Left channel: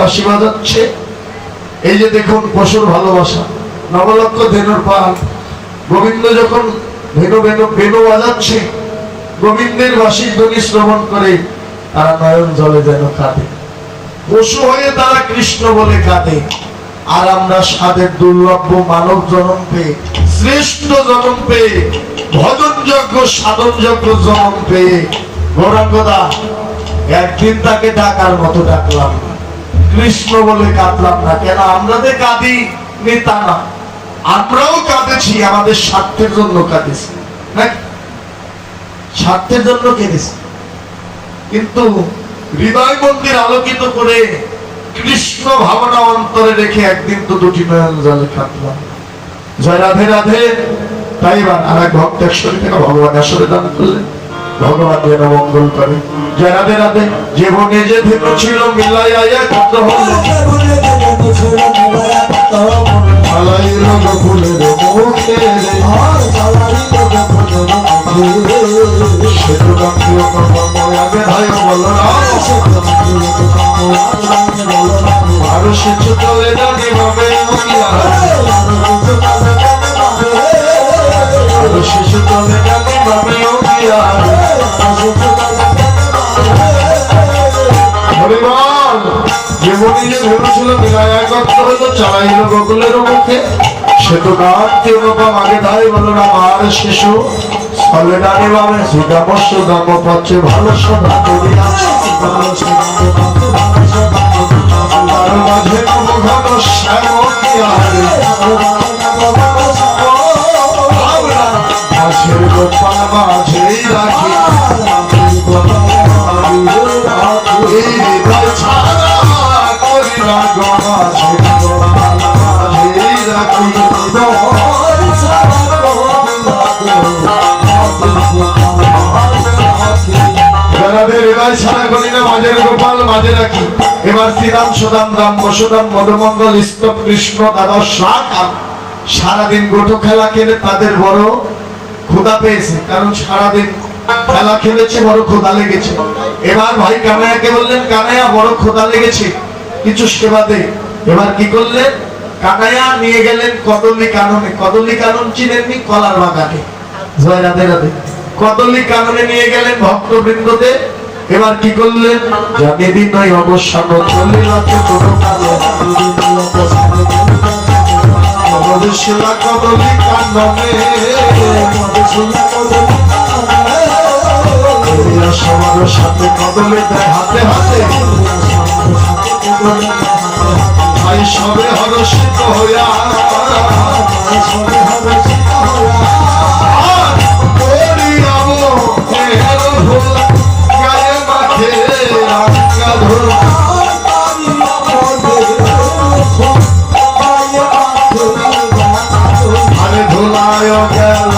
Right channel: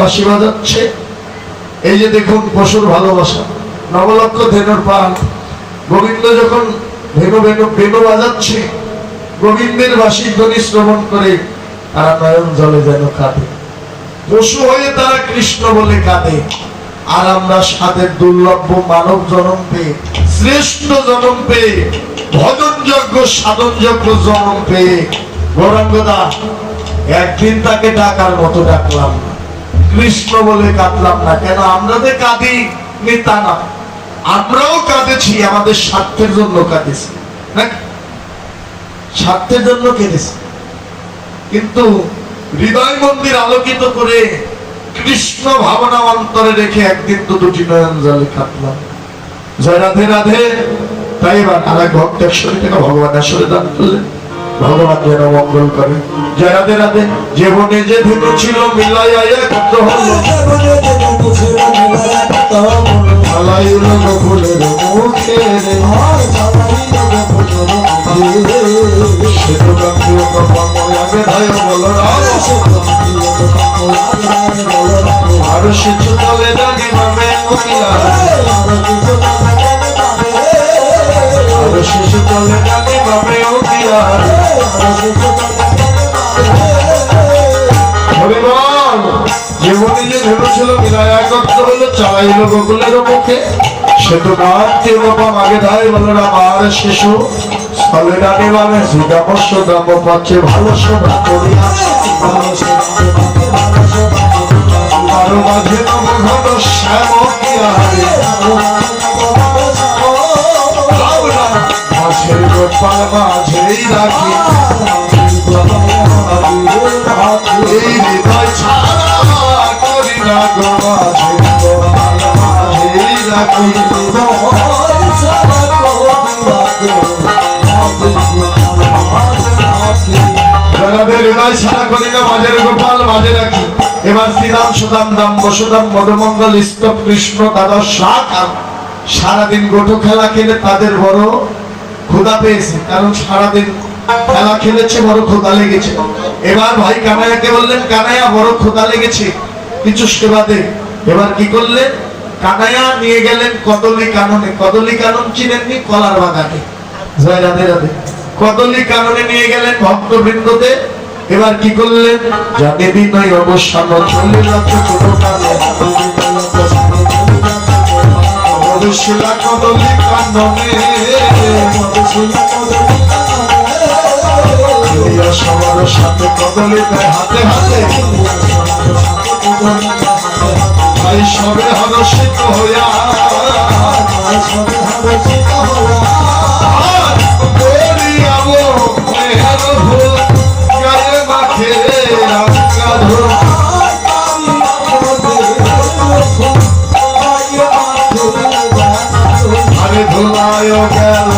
বাঁশি বাজাচ্ছে, এই যে দেখুন পশুর ভালোবাসা, নবলক্ষ ধেনুর পাল। গোবিন্দ যখন বেনু বাজাচ্ছে, গোবিন্দের বাঁশির ধ্বনি শ্রবণ করে তারা নয়ন জলে যেন কাঁদে। পশু হয়ে তারা কৃষ্ণ বলে কাঁদে। আর আমরা সাধের দুর্লভ মানব জন্ম পেয়ে, শ্রেষ্ঠ জন্ম পেয়ে, ভজন যজ্ঞ সাধন যজ্ঞ জন্ম পেয়ে গৌরাঙ্গদা একদিন তাকে ডাকার মতো ডাকলাম, কৃষ্ণ বলে কাঁদলাম না কেন? আমরা যে কাঁদি তা না, আমরাও কাঁদেছি, আমাদের স্বার্থের জন্য কাঁদেছি নাকি? স্বার্থের জন্য কেঁদেছি, কিন্তু হৃদয় মন্দির আলোকিত করে কৃষ্ণ ভাবনা অন্তরে রেখে একদিন তো দুটি নয়ন জলে কাঁদলাম। জয় রাধে রাধে। তাই এবার আর এক ভক্ত 100 টাকা ভগবান আসরে দান করলেন, ভগবান যেন মঙ্গল করে। জয় রাধে রাধে। যে বনে যে ধেনু ছিল মিলাইয়া কত হলো, মালাইলো গোকুলের মুখে সেতু গাঙ্গীয় কর্মময় আগে ধাই বলো না, আর শিশু তলে জানি ভাবে শিশু তলে জানি ভাবে যেমনি যে ধরেছিল বিদায় একত্র হইল, চাইল গোকুলের মুখে সেতু নাট্য বাবা আগে ধাই বলো না, আর শিশু স্থলে ডানে বামে সুদামস্য দাম পাচ্ছে ভালো সভা করিয়া তার মাঝে ঘন শ্যাম মাঝের গোপাল মাঝেই রাখি এই হৃদয় ছাড়া করি না গো মাঝের গোপাল মাঝেই রাখি এবার শ্রীরাম সুদাম রাম বসুদাম মধুমঙ্গল স্তব কৃষ্ণ দাদা সারাদিন গোটো খেলা খেলে তাদের বড় ক্ষুধা পেয়েছে, কারণ সারাদিন খেলা খেলেছে, বড় ক্ষুধা লেগেছে। এবার ভাই কানাইয়াকে বললেন, কানাইয়া বড় ক্ষুধা লেগেছে, কিছু সেবা দে। এবার কি করলেন? কানাইয়া নিয়ে গেলেন কদলি কাননে। কদলি কানন চিনেননি? কলার বাগানে। জয় রাধে রাধে। কদলি কাননে নিয়ে গেলেন ভক্তবৃন্দতে। এবার কি করলেন? জানে দিন নয় অবসান চলে যাচ্ছে কোনো কালে মধুশিলা কদলি কাননে সবার সাথে কদলি দেয় হাতে হাতে, ভাই সবে হরষিত হইয়া আরে ধুলায় গেল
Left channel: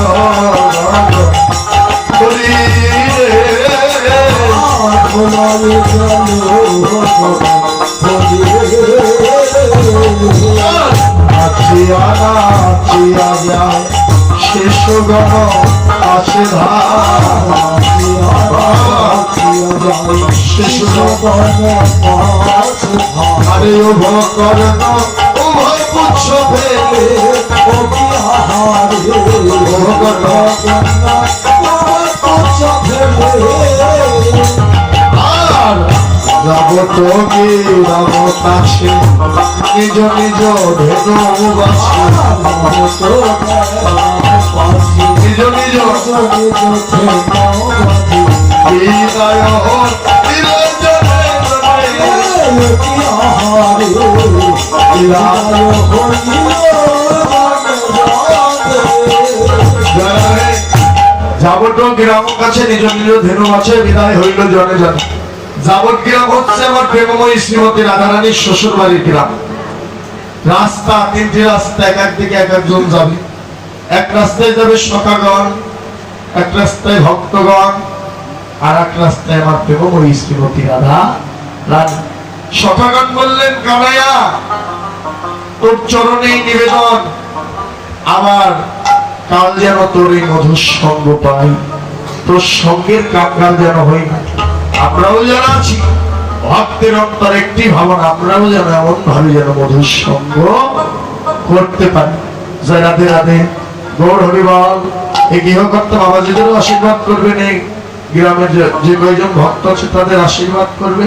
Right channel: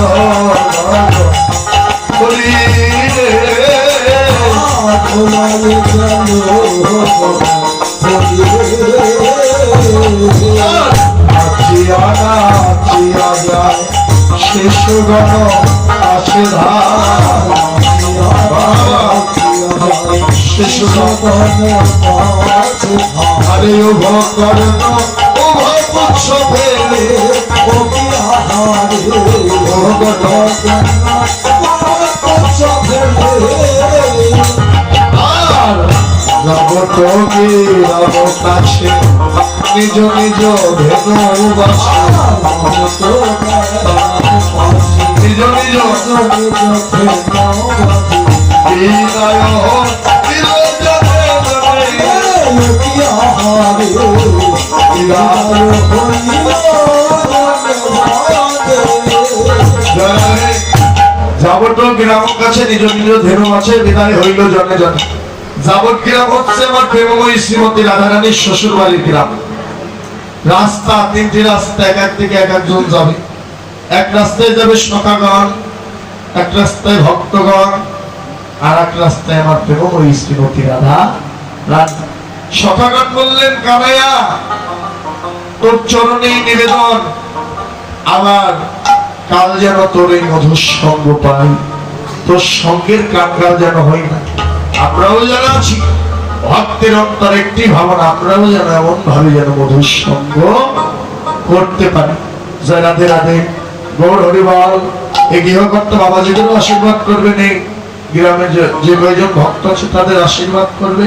শিশুগণ আছে শিশুগণ আরে উভয় কর্ণ উভয় পুচ্ছ ফেলে যাব তো গিরাব কাছে নিজ নিজ ধেনু বাসে, নিজ নিজ বিদায় যাবত গ্রাম কাছে নিজ নিজ ধেনু আছে, বিদায় হইল জনে জনে। যাবত গ্রাম হচ্ছে আমার প্রেমময়ী শ্রীমতী রাধারানীর শ্বশুর বাড়ির গ্রাম। রাস্তা তিনটি রাস্তা, এক একদিকে এক একজন যাবে। এক রাস্তায় যাবে সখাগণ, এক রাস্তায় ভক্তগণ, আর এক রাস্তায় আমার প্রেমময়ী শ্রীমতী রাধা রানী। সখাগণ বললেন, কানাইয়া তোর চরণেই নিবেদন, আমার কাল যেন তোর এই মধুর সঙ্গ পাই। তোর সঙ্গের কাঙ্গাল যেন হই না। আমরাও যারা আছি ভক্তের অন্তর একটি ভাবনা, আমরাও যেন এমন ভাবে যেন মধুর সঙ্গ করতে পারি। জয় রাধে রাধে, গৌর হরিবল। এই গৃহকর্তা বাবাজিদেরও আশীর্বাদ করবেন, এই গ্রামে যে কয়জন ভক্ত আছে তাদের আশীর্বাদ করবে।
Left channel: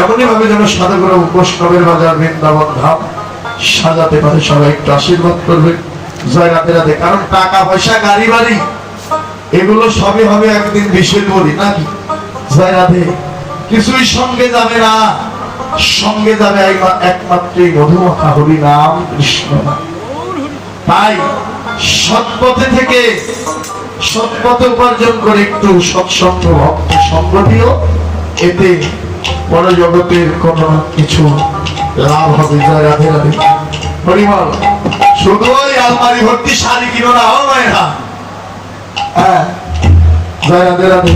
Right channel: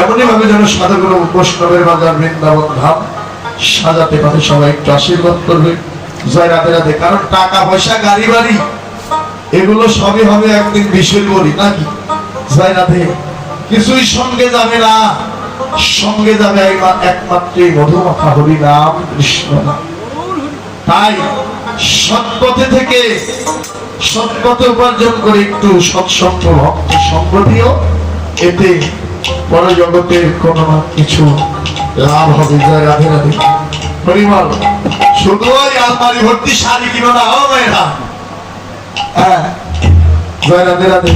এমনই ভাবে যেন সাধুগুরু বৈষ্ণবের বাজার বৃন্দাবন ধাম সাজাতে পারে, সবাই একটু আশীর্বাদ করবে। জয় রাধে রাধে। কারণ টাকা পয়সা গাড়ি বাড়ি এগুলো সবই হবে একদিন বিষয় করি নাকি। জয় রাধে। কিছুই সঙ্গে যাবে না, সঙ্গে যাবে একমাত্র মধুমাখা হরি নাম কৃষ্ণ নাম। তাই সৎপথে থেকে সৎপথে উপার্জন করে একটু সৎসঙ্গ ভক্ত সঙ্গ দিও, এতে পরে জগতের কোন না কিছু লাভ হবে। জয় রাধে রাধে হরিবল। শুধু ওই আলমারি ভর্তি শাড়ি কিনো না ও মেয়েরা। হ্যাঁ, জয় রাধে রাধে।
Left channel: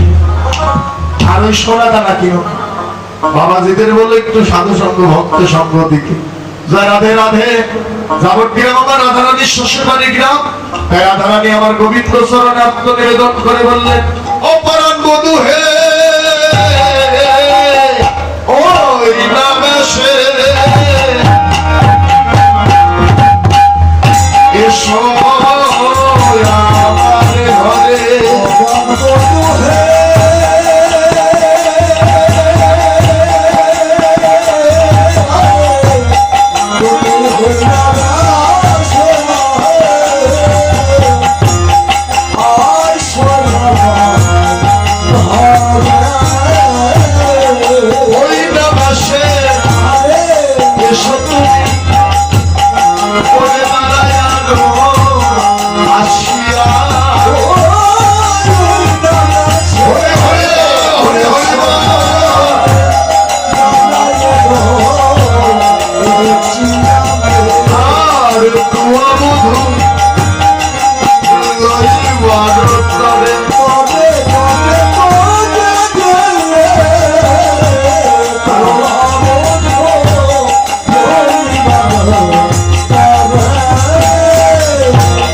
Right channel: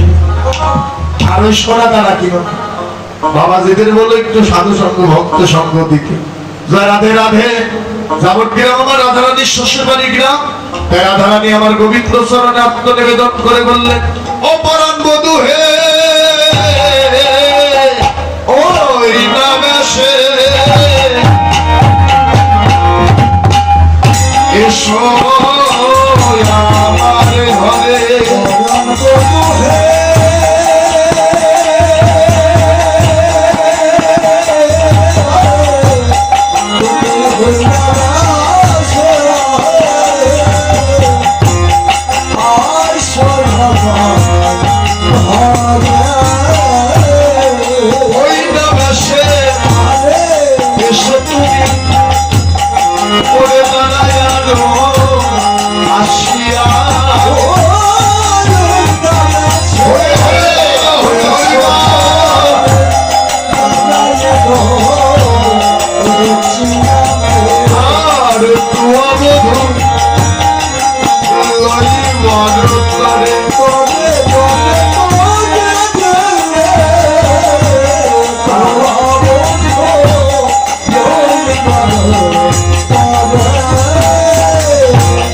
আর ওই সোনা দানা কিনো। বাবাজিদের বলো একটু সাধু সঙ্গ ভক্ত সঙ্গ দিকে। জয় রাধে রাধে। যাবত গ্রাম আমার রাধারানীর শ্বশুর বাড়ি গ্রাম। তাই রাধারানী আমার গোবিন্দ চরণে আত্মনিবেদন করে বললেন, ও পরাণ বধূ হে, ও নামেশে এসো আমার ঘরে।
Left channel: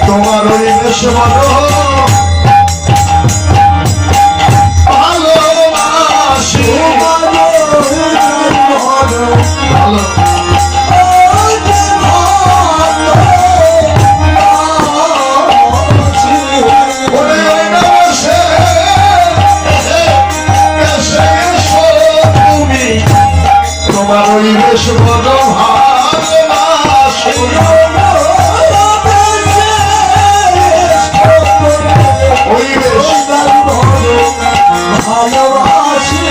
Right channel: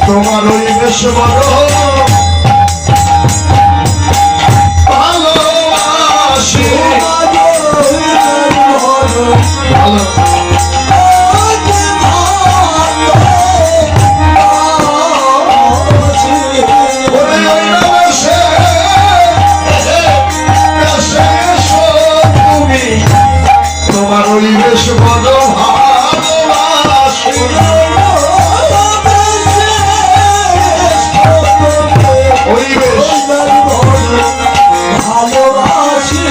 তোমার ওই বেশ বড় ভালোবাসি, ভালো তোমার ওই বেশ বড় ভালোবাসি, ওই বেশ ভালোবাসি।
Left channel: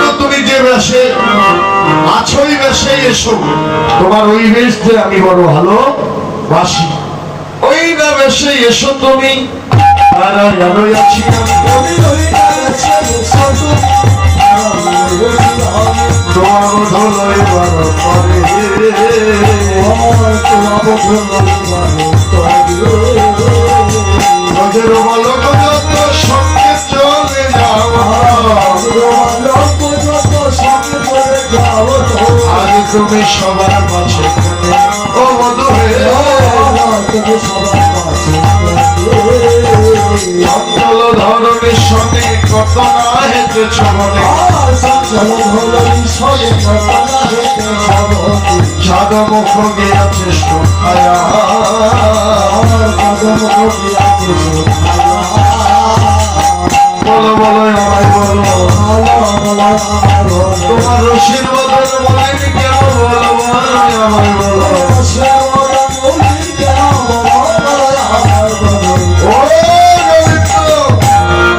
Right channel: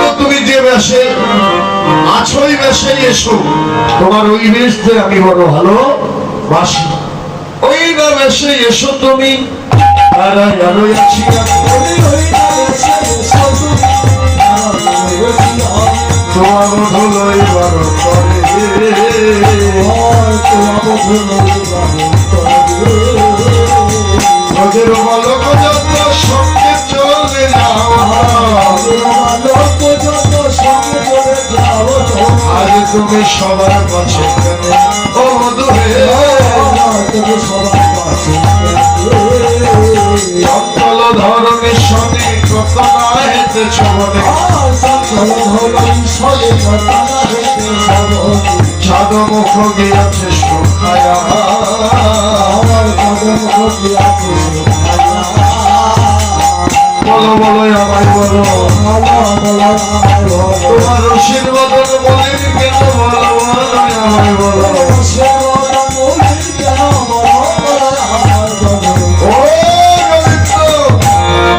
আর তুমি যে বেশে আছোই বেশে এসো, তোমার ওই বেশ যে আমি বড় ভালোবাসি, ওই না বেশে এসো তুমি। তোমার ধুলোয় বড় করে বালক যত সঙ্গে চলে যাও, আজ তুমি সবার কাছে ও মধু হে, তুমি সবার কাছে অন্তল ধরনের সঙ্গে কত না হেতে ছবনে, ছাদ মুখ গিয়েছে সুখায়া, বলো বলো আমায় বলো, তোমার রশির বদল বলেনি কেন, বলো আমায় বলো।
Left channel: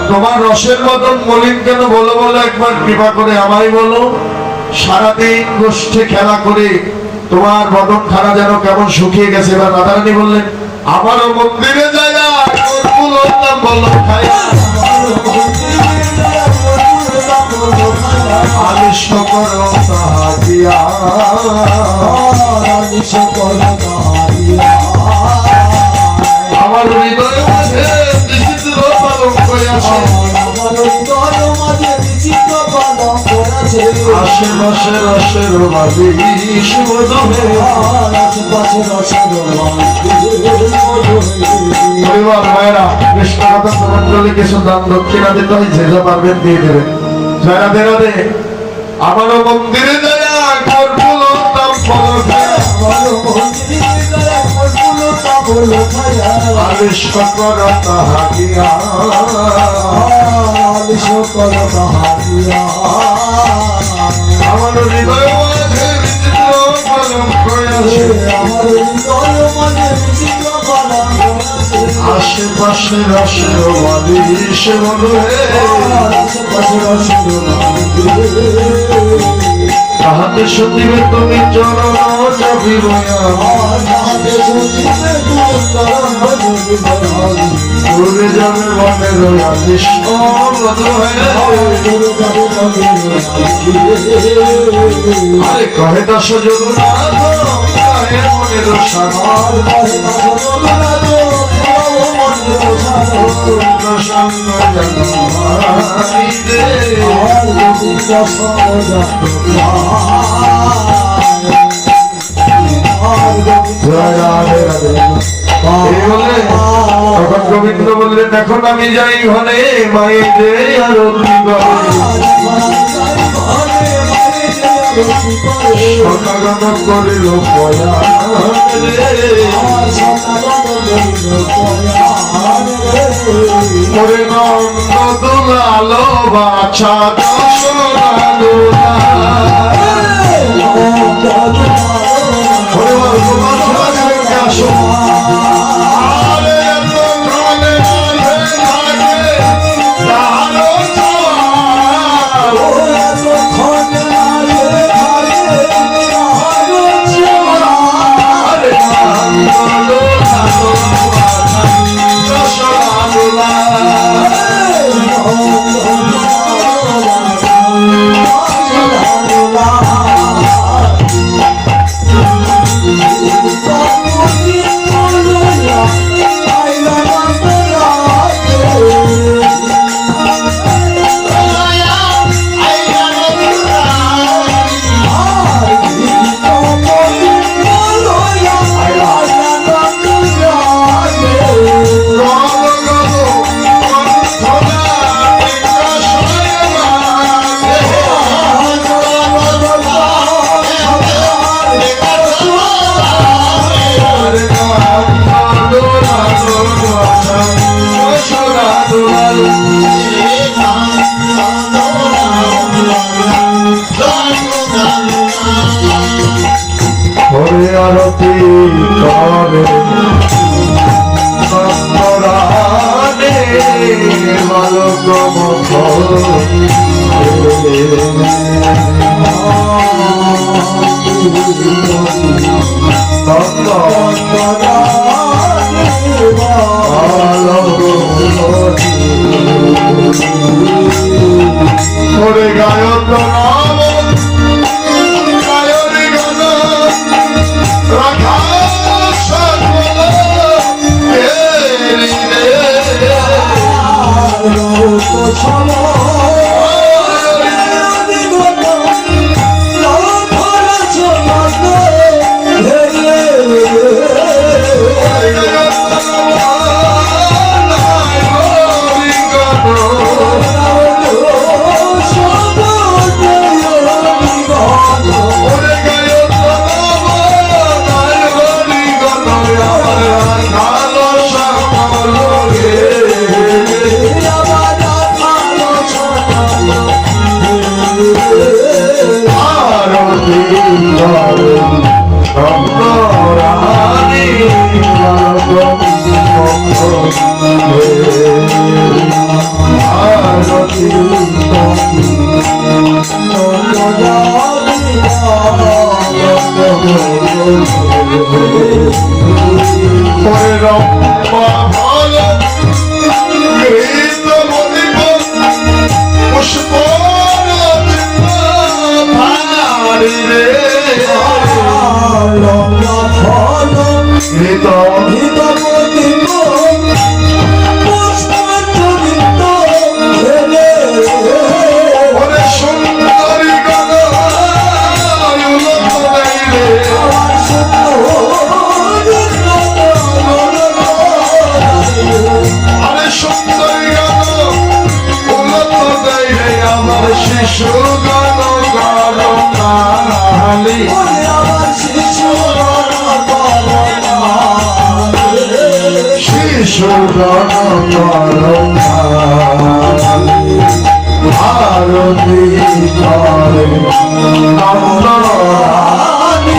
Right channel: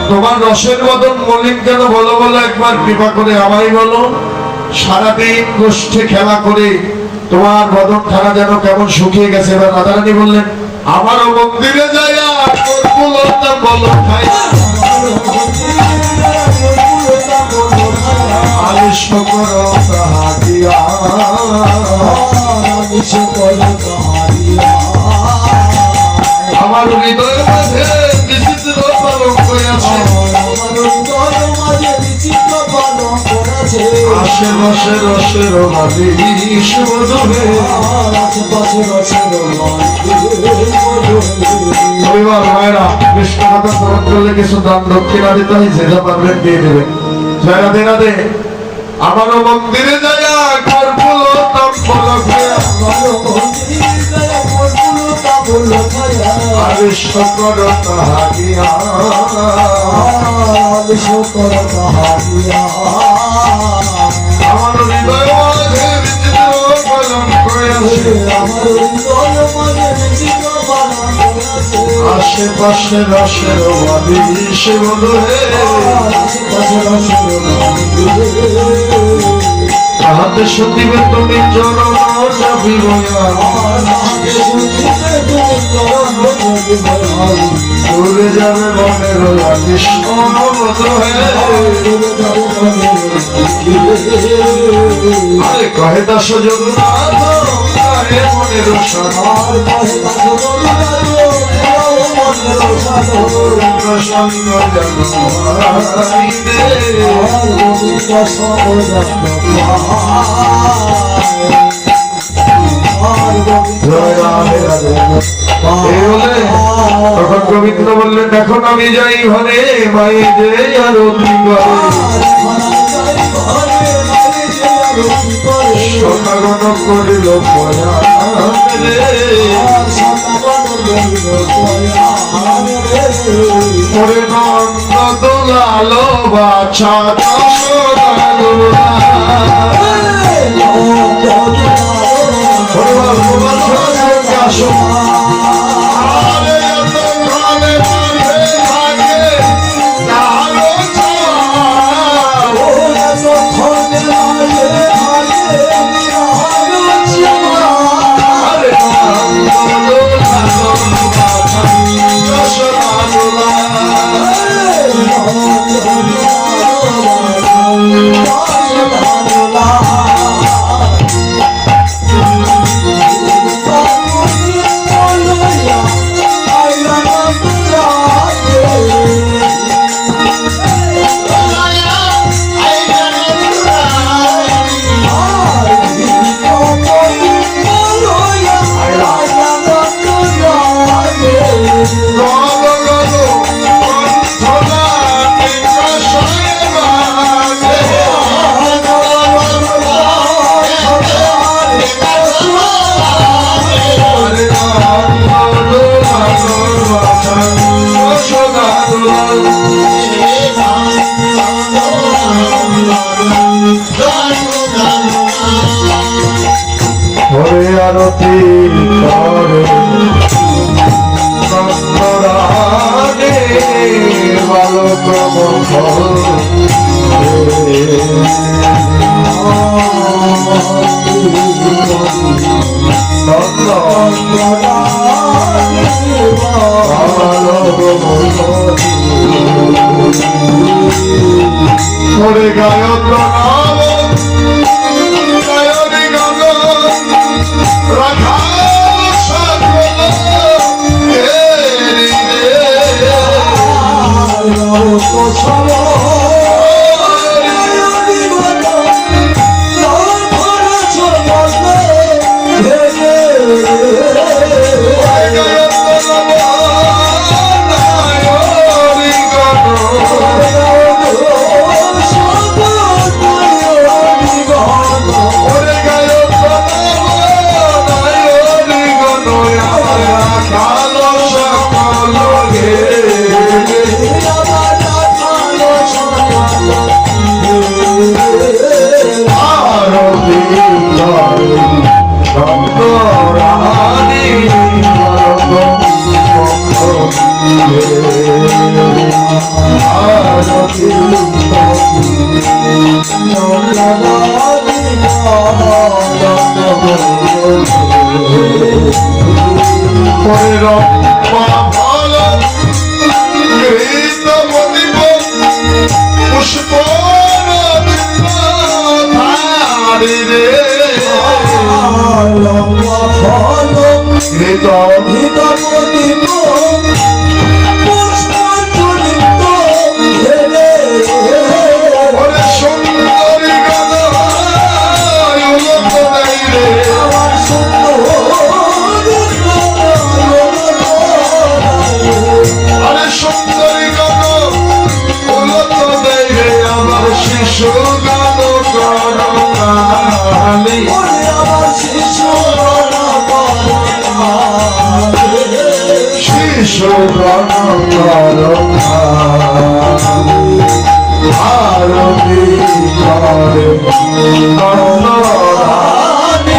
তোমার রসের বদন মলিন কেন বলো বলো, একবার কৃপা করে আমায় বলো। সারাদিন গোষ্ঠী খেলা করে তোমার বদন খানা যেন কেমন শুকিয়ে গেছে। এবার রাধারানী বললেন, আমারও মন্দিরে যায় বলো খাই আলিশ করো তাহাদিয়া, আমার হৃদয় মাঝে বিচিত্র পালন করেছে, আশেপাশে রসের বালিশ মধুহে পরিবার মায়েরা কৃষ্ণ কথা শ্রবণ করলে কিছু দান দক্ষিণা দিতে হয়, যে যা পারবেন দিয়ে দেবেন। রাধে রাধে। আমারও মন্দিরে যায়া কর্পুল আরে শকর তাহারিয়া আমার হৃদয় মাঝে বিচিত্র কলঙ্ক আছে, আশেপাশে রসের বালিশ মধুহে তাহাতে সতিবে তুমি চরণ জবিবয়া দূরে যাবে মনের কৃষ্ণ মধুহে। আরে কহে দাস জগন্নাথ কহে মনের সার প্রসন্ন জন্মাইরে তখন গোবিন্দ বললেন, এখন আমি যাই ঘরে মায়ে যে আরতি করে সকারণ করিল পরে নন্দ দুলালো বাছা আসো হরে আরতি করে সন্তরাগে বালক হরে গায়ক নাম সুন্দরী আমার শিশু গান করুণালি শিশু গান করুণালি ভারতী করে নন্দরানী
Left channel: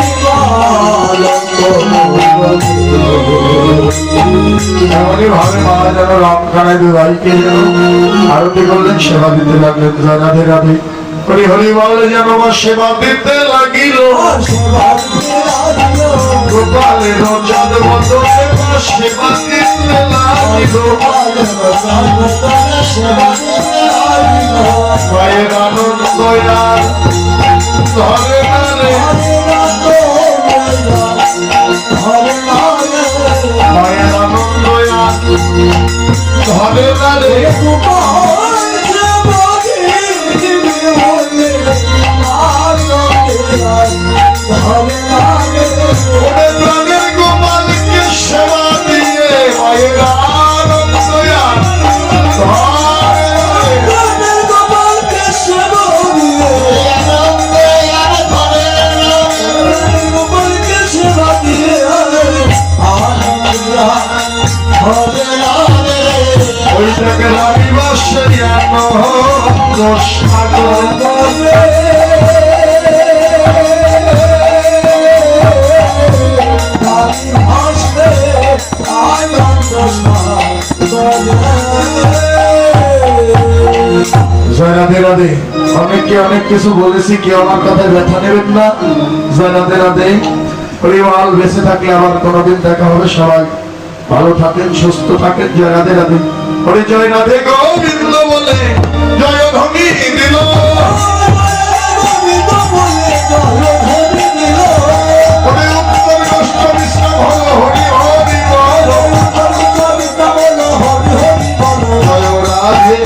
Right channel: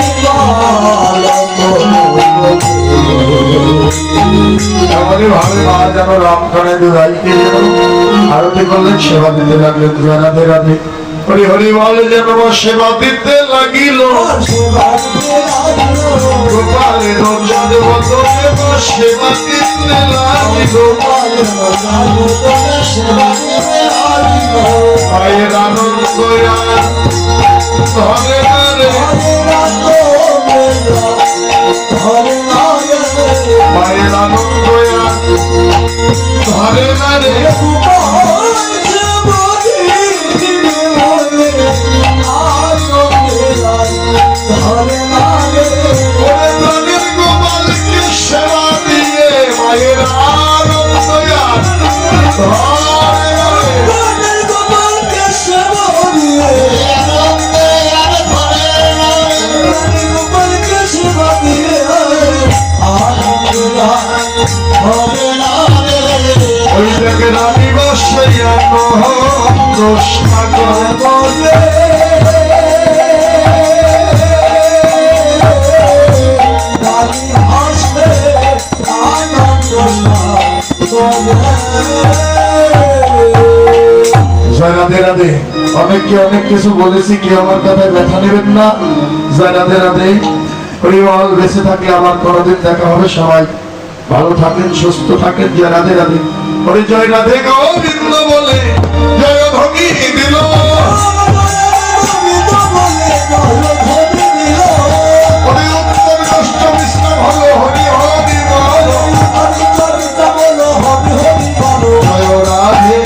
এমনই ভাবে মা যেন রমখানায় দুরাইকে যেন আরতি করলেন, সেবা দিতে লাগলেন। জয় রাধে রাধে, হরি হরি বল যেন সেবা দিতে লাগিল। গোপালের জন্মতনে সেবা দিতে লাগিল। মায়ের আনন্দ আর ধরে মায়ের আনন্দ আর ধরে না রে। গোপালকে সেবা দিয়ে মায়ের আনন্দ আর ওই থেকে রানীবাসিয়া নহর সাগর বলে জয় রাধে রাধে। অনেককে অনেক কিছু বলেছি, কেউ আমার কথায় ব্যথা নেবেন না। জয় রাধে রাধে। পরিবার বেঁচে থাকলে আবার কোনোদিন দেখা হবে। সবাই ভালো থাকেন, সুস্থ থাকেন। জয় রাধে রাধে। হরি জয় রাধে গোবিন্দ বলে জয় ধ্বনি দিল। হরি উত্তর কষ্ট বিশ্রাম হলো। হরি হরি বল জয় রাধে।